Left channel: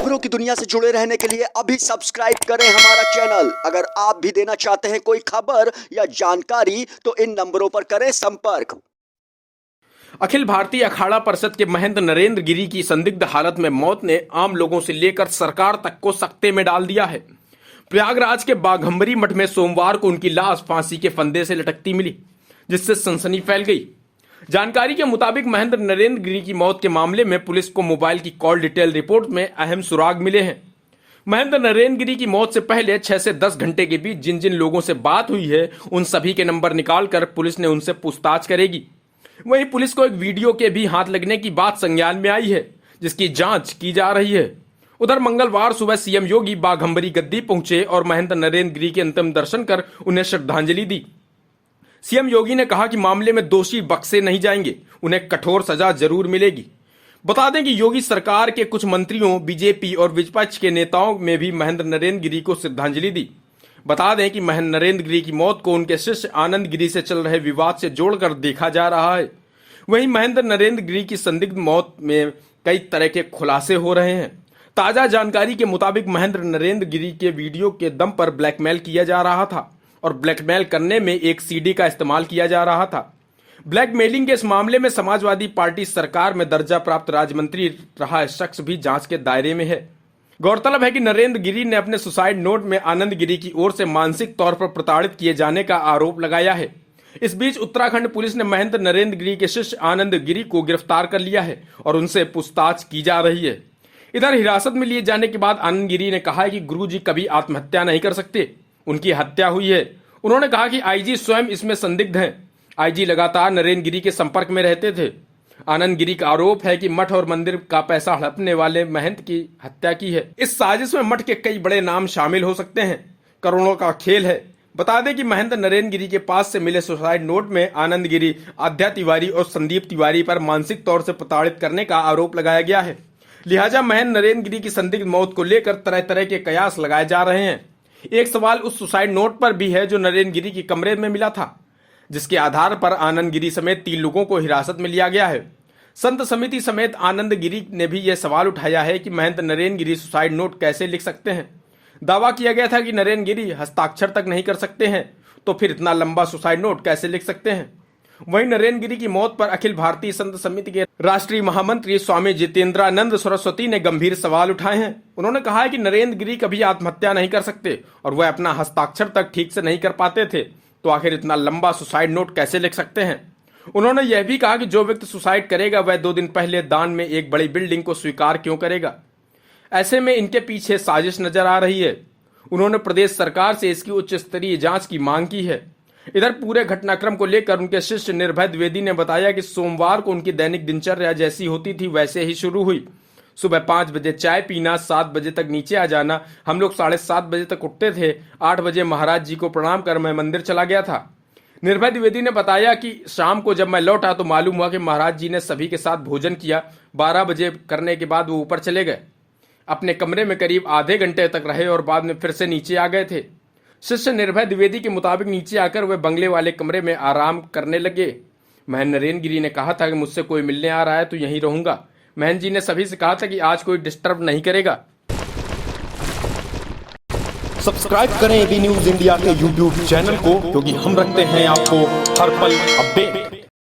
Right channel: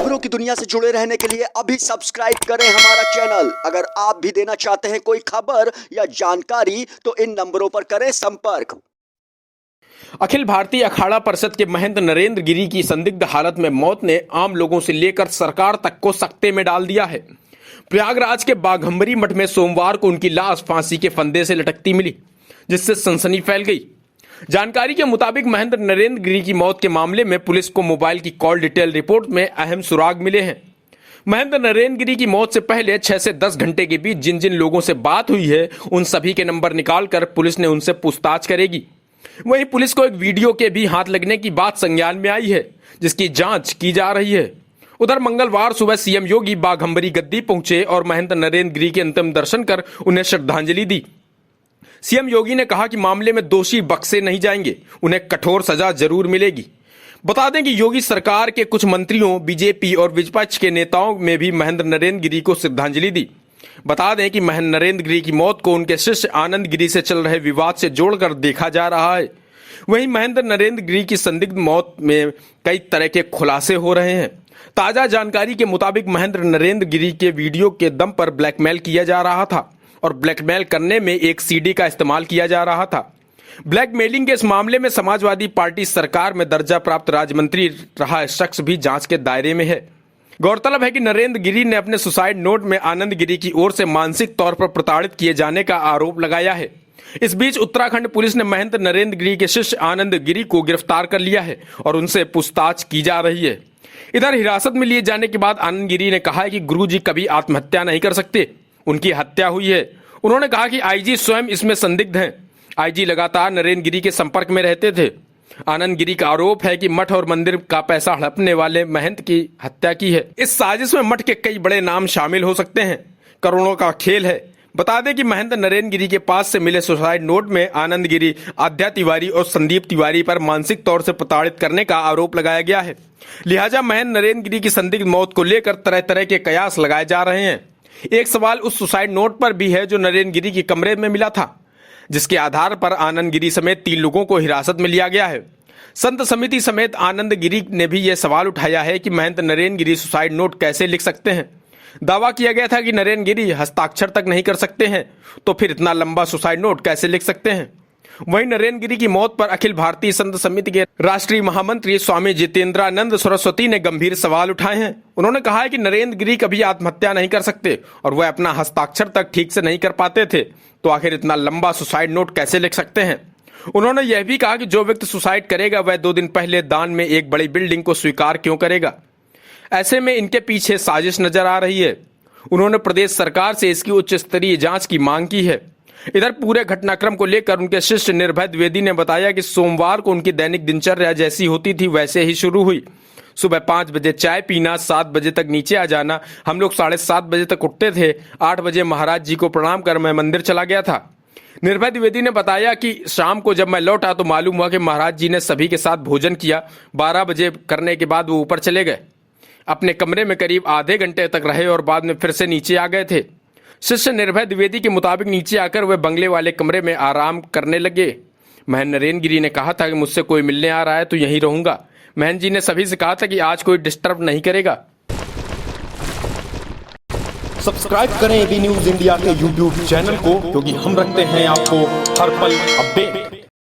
खबरों की दुनिया से जुड़े रहने के लिए अभी सब्सक्राइब करें हमारा चैनल। अगर आप भी देना चाहते हैं कोई खबर या जानकारी तो इन नंबरों पर करें संपर्क। अखिल भारतीय अखाड़ा परिषद के महंत नरेंद्र गिरी की संदिग्ध हालत में मौत ने आम लोगों से लेकर सरकार तक को सकते में डाल दिया है। प्रयागराज के बाघंबरी मठ में सोमवार को उनकी लाश फांसी के फंदे से लटकती मिली, जिससे सनसनी फैल गई। जानकारी के मुताबिक महंत नरेंद्र गिरी की मौत के मामले में पुलिस को मोबाइल की कॉल डिटेल रिपोर्ट में अहम सुराग मिले हैं। महंत नरेंद्र गिरी की मौत से पहले 6 से 10 घंटे के बीच जिन जिन लोगों से बात हुई है उन सभी के नंबर निकालकर पुलिस ने उनसे पूछताछ करेगी। वहीं पुलिस को एक वीडियो के भी हाथ लगने की बात संज्ञान में आई है, जिसकी जांच की जा रही है। उधर मंगलवार सुबह सीएम योगी बाघंबरी गद्दी पहुंचे और महंत नरेंद्र गिरी के अंतिम दर्शन कर उन्हें श्रद्धांजलि दी। सीएम योगी ने कहा कि मामले में दोषी बख्शे नहीं जाएंगे, उन्हें कठोर सजा जरूर मिलेगी। बता दें कि योगी सरकार के कुछ मंत्रियों, बीजेपी और विपक्ष के नेताओं में भी महंत नरेंद्र गिरी को श्रद्धांजलि दी। बता दें कि महंत नरेंद्र गिरी की मौत को उनके शिष्य आनंद गिरी से चल रहे विवाद से जोड़कर देखा जा रहा है। वहीं महंत नरेंद्र गिरी की संदिग्ध मौत में कई तरह के खुलासे हो रहे हैं। ताजा जानकारी के मुताबिक महंत नरेंद्र गिरी के वीडियो के दम पर ब्लैकमेल किया जा रहा था और ब्लैकमेल करने में एक सीडी का इस्तेमाल किया जा रहा था। ब्लैकमेलिंग के इस मामले में समाजवादी पार्टी सरकार में दर्जा प्राप्त राज्य मंत्री रहा शख्स भी जांच के दायरे में है। गौरतलब है कि नरेंद्र गिरी ने अपने सुसाइड नोट में आनंद गिरी की ओर से मानसिक तौर पर प्रताड़ित किए जाने का आरोप लगाया है। इस बीच उत्तराखंड पुलिस ने महंत नरेंद्र गिरी के शिष्य आनंद गिरी को गिरफ्तार कर लिया है और उनसे पूछताछ की जा रही है। इधर हिरासत में लिए जाने के बाद आनंद गिरी ने कहा है कि गुरुजी कभी आत्महत्या नहीं कर सकते, उनकी हत्या हुई है। उन्होंने कहा कि आईजी स्वयं इसमें संदिग्ध हैं। आईजी लगातार नरेंद्र गिरी के संपर्क में रहते थे। आनंद गिरी का आरोप है कि मठ और मंदिर का पैसा हड़पने वाले महंत की हत्या की है। इस साजिश में मठ के कई बड़े नाम शामिल हो सकते हैं। करोड़ों का खेल है। बता दें कि महंत नरेंद्र गिरी के पास से मिले सुसाइड नोट में आनंद गिरी, आद्या तिवारी और संदीप तिवारी पर मानसिक तौर से प्रताड़ित करने का आरोप लगाया गया है। लिहाजा महंत नरेंद्र गिरी की संदिग्ध मौत को लेकर तरह तरह के कयास लगाए जा रहे हैं। एक सवाल उस सुसाइड नोट पर भी है जो नरेंद्र गिरी के कमरे में मिला था, जिसके आधार पर आनंद गिरी समेत 3 लोगों को हिरासत में लिया गया है। संत समिति समेत आनंद गिरी ने भी यह सवाल उठाया है कि महंत नरेंद्र गिरी सुसाइड नोट कैसे लिख सकते हैं। दावा किया गया था कि नरेंद्र गिरी हस्ताक्षर तक नहीं कर सकते हैं, तो फिर इतना लंबा सुसाइड नोट कैसे लिख सकते हैं। वहीं नरेंद्र गिरी की मौत पर अखिल भारतीय संत समिति के राष्ट्रीय महामंत्री स्वामी जितेंद्रानंद सरस्वती ने गंभीर सवाल उठाए हैं। उन्होंने कहा है कि नरेंद्र गिरी कभी आत्महत्या नहीं कर सकते और वह अपना हस्ताक्षर तक ठीक से नहीं कर पाते थे, तो आखिर इतना लंबा सुसाइड नोट कैसे लिख सकते हैं। उन्होंने यह भी कहा कि जो व्यक्ति सुसाइड करेगा वह 2 दिन पहले दान में एक बड़ी बिल्डिंग को स्वीकार क्यों करेगा। ऐसे में इनके पीछे साजिश नजर आ रही है। उन्होंने प्रदेश सरकार से इसकी उच्च स्तरीय जांच की मांग की है। इधर पूरे घटनाक्रम को लेकर उनके शिष्य निर्भय द्विवेदी ने बताया कि सोमवार को उनकी दैनिक दिनचर्या जैसी होती थी वैसे ही शुरू हुई। सुबह 5 बजे चाय पीना, 7 बजे तक नीचे आ जाना। हम लोग 7:30 बजे तक उठते थे। 8 बजे महाराज जी को प्रणाम कर मैं मंदिर चला गया था। निर्भय द्विवेदी ने बताया कि शाम को जब मैं लौटा तो मालूम हुआ कि महाराज जी ने सभी के साथ भोजन किया। 12 बजे करने के बाद वो ऊपर चले गए। अपने कमरे में करीब आधे घंटे तक रहे और बाद में फिर से नीचे आ गए थे। शिष्य निर्भय द्विवेदी के मुताबिक नीचे आकर वे बंगले वाले कमरे में आराम करने लगे। महंत नरेंद्र गिरी ने कहा था कि मुझसे कोई मिलने आ रहा है तो यहीं रहूंगा। महंत जी ने सभी से कहा था कि आज कोई डिस्टर्ब नहीं करेगा। सब्सक्राइब करें एबी न्यूज इंडिया के यूट्यूब चैनल को, क्योंकि हम रखते हैं आपको हर पल अपडेट।